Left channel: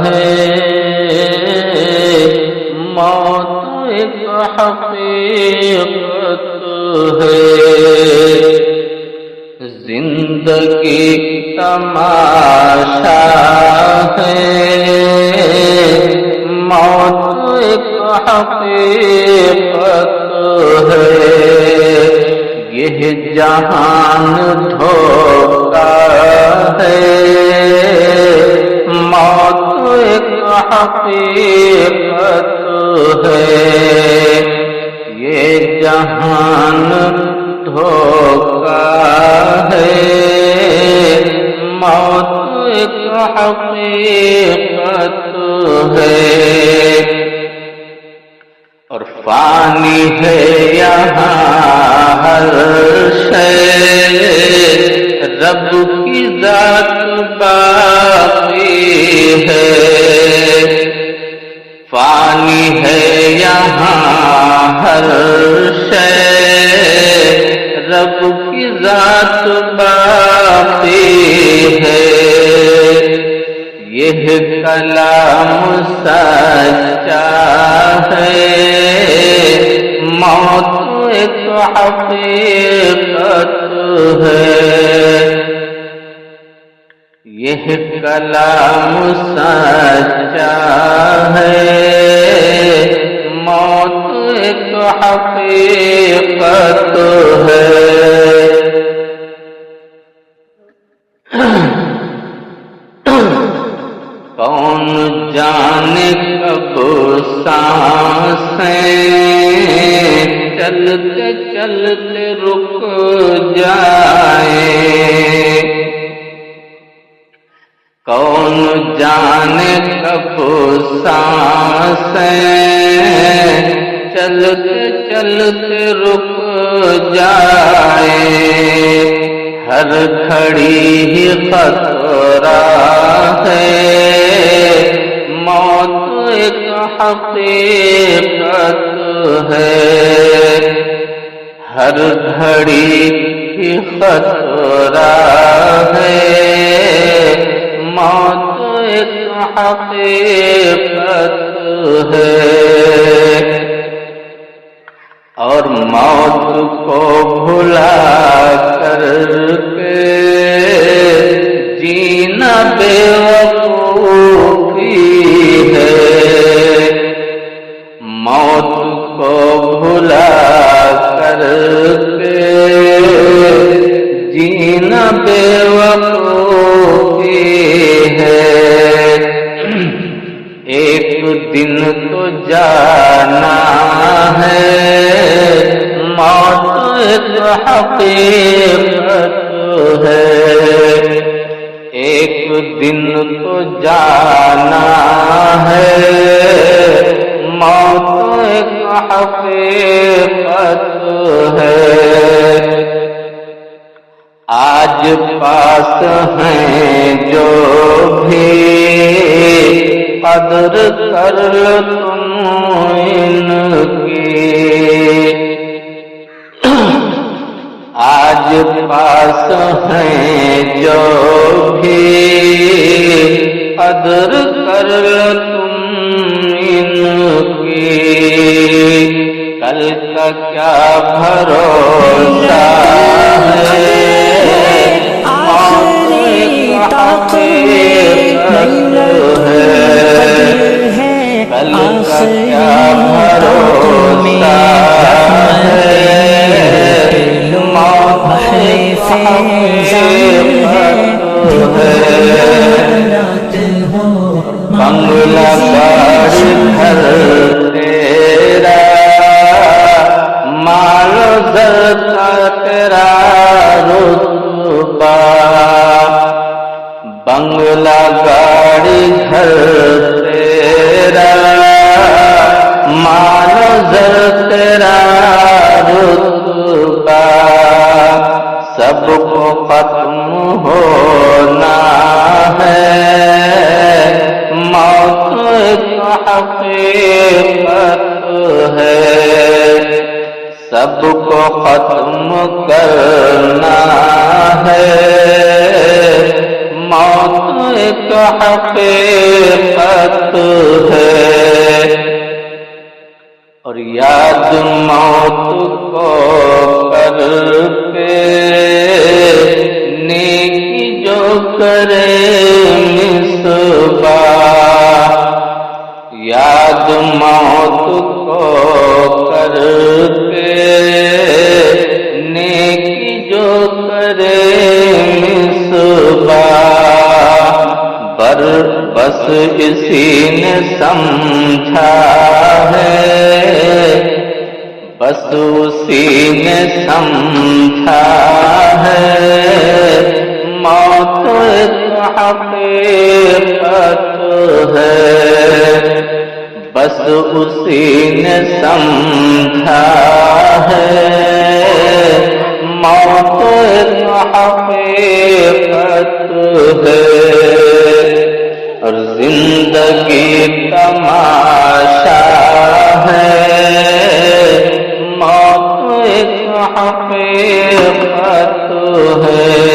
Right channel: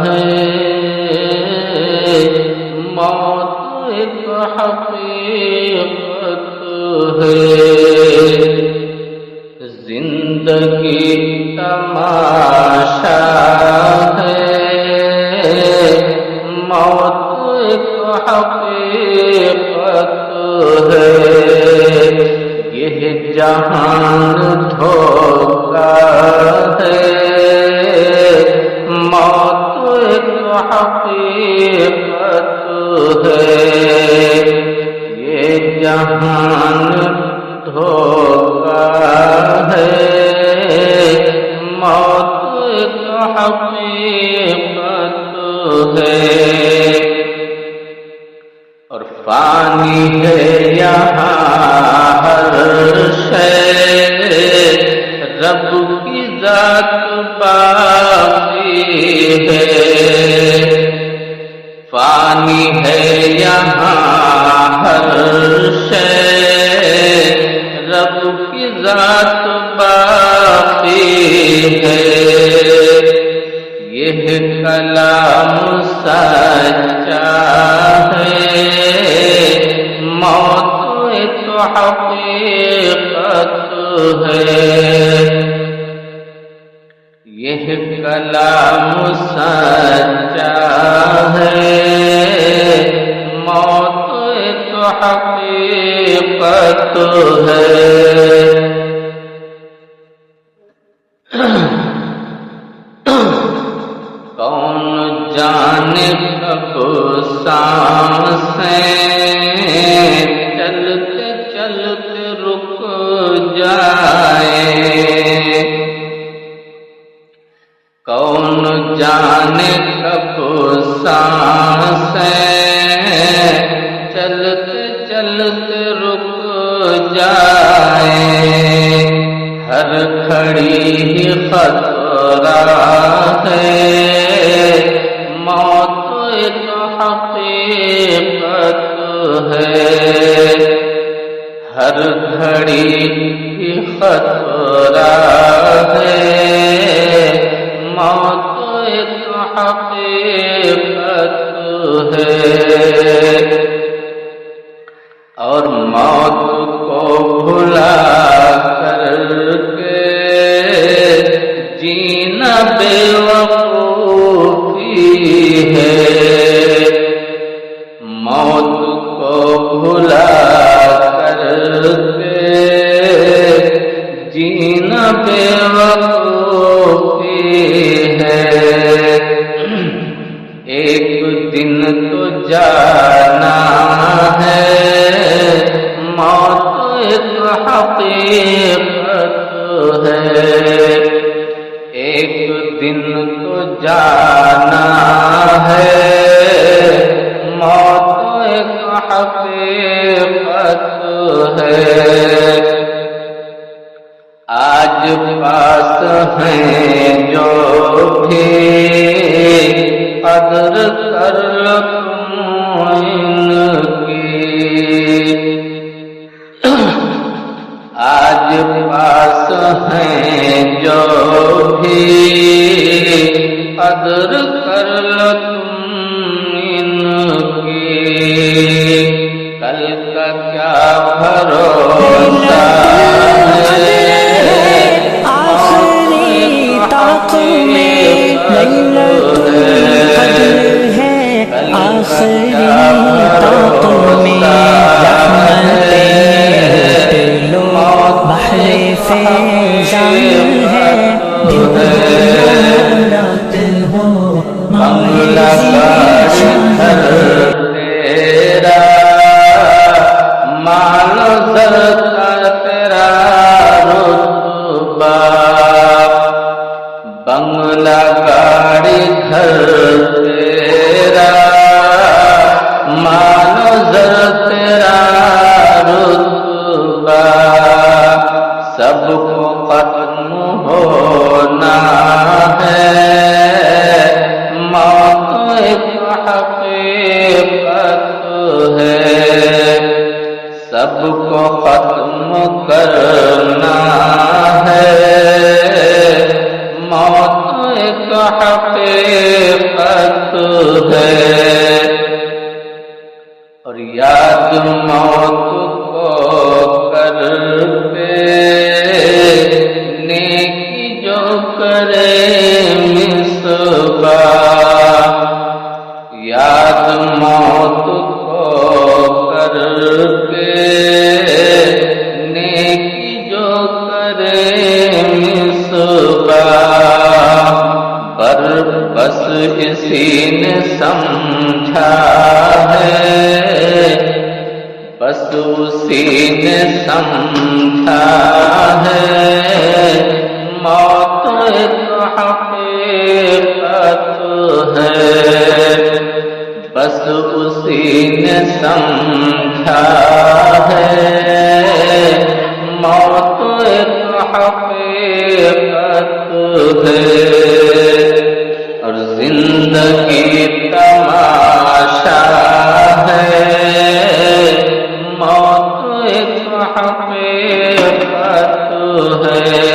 ہے، موت ایک حقیقت ہے، زندگی تماشا ہے، موت ایک حقیقت ہے، یہ جہان دھوکا ہے، موت ایک حقیقت ہے، یہ جہان دھوکا ہے، موت ایک حقیقت ہے، اور فانی ہے یہاں ہر شے، رب کی ذات باقی ہے، فانی ہے یہاں ہر شے، رب کی ذات باقی ہے، یہ کلام سچا ہے، موت ایک حقیقت ہے، یہ کلام سچا ہے، موت ایک حقیقت ہے، کون جانے کب سانسیں چلتے چلتے رک جائیں، کون جانے کب سانسیں چلتے چلتے رک جائیں، ہر گھڑی ہی خطرہ ہے، موت ایک حقیقت ہے، ہر گھڑی ہی خطرہ ہے، موت ایک حقیقت ہے، اور موت کو بھلا کر کے جینا بے وقوفی ہے، موت کو بھلا کر کے جینا بے وقوفی ہے، ایک دن تو جانا ہے، موت ایک حقیقت ہے، ایک دن تو جانا ہے، موت ایک حقیقت ہے، آج پاس ہیں جو بھی قدر کر تم ان کی، آج پاس ہیں جو بھی قدر کر تم ان کی، کل کا کیا بھروسہ ہے، آخری طاق میں لیلۃ القدر ہے، آخری طاق میں رحمتیں لوٹ لو، بحر فیضان ہے، دن ہو یا رات ہو، بنگلہ گھر تیرا، مال و زر کا تیرا رتبہ، بنگلہ گاڑی گھر تیرا، مال و زر تیرا رتبہ، سب کو ختم ہونا ہے، موت ایک حقیقت ہے، سب کو ختم کرنا ہے، موت ایک حقیقت ہے، اور یاد موت کو کر کے نیکی جو کرے مصباح، یاد موت کو کر کے نیکی جو کرے مصباح، بس اسی نے سمجھا ہے، بس اسی نے سمجھا ہے، موت ایک حقیقت ہے، بس اسی نے سمجھا ہے، موت ایک حقیقت ہے، اور زندگی تماشا ہے، موت ایک حقیقت ہے،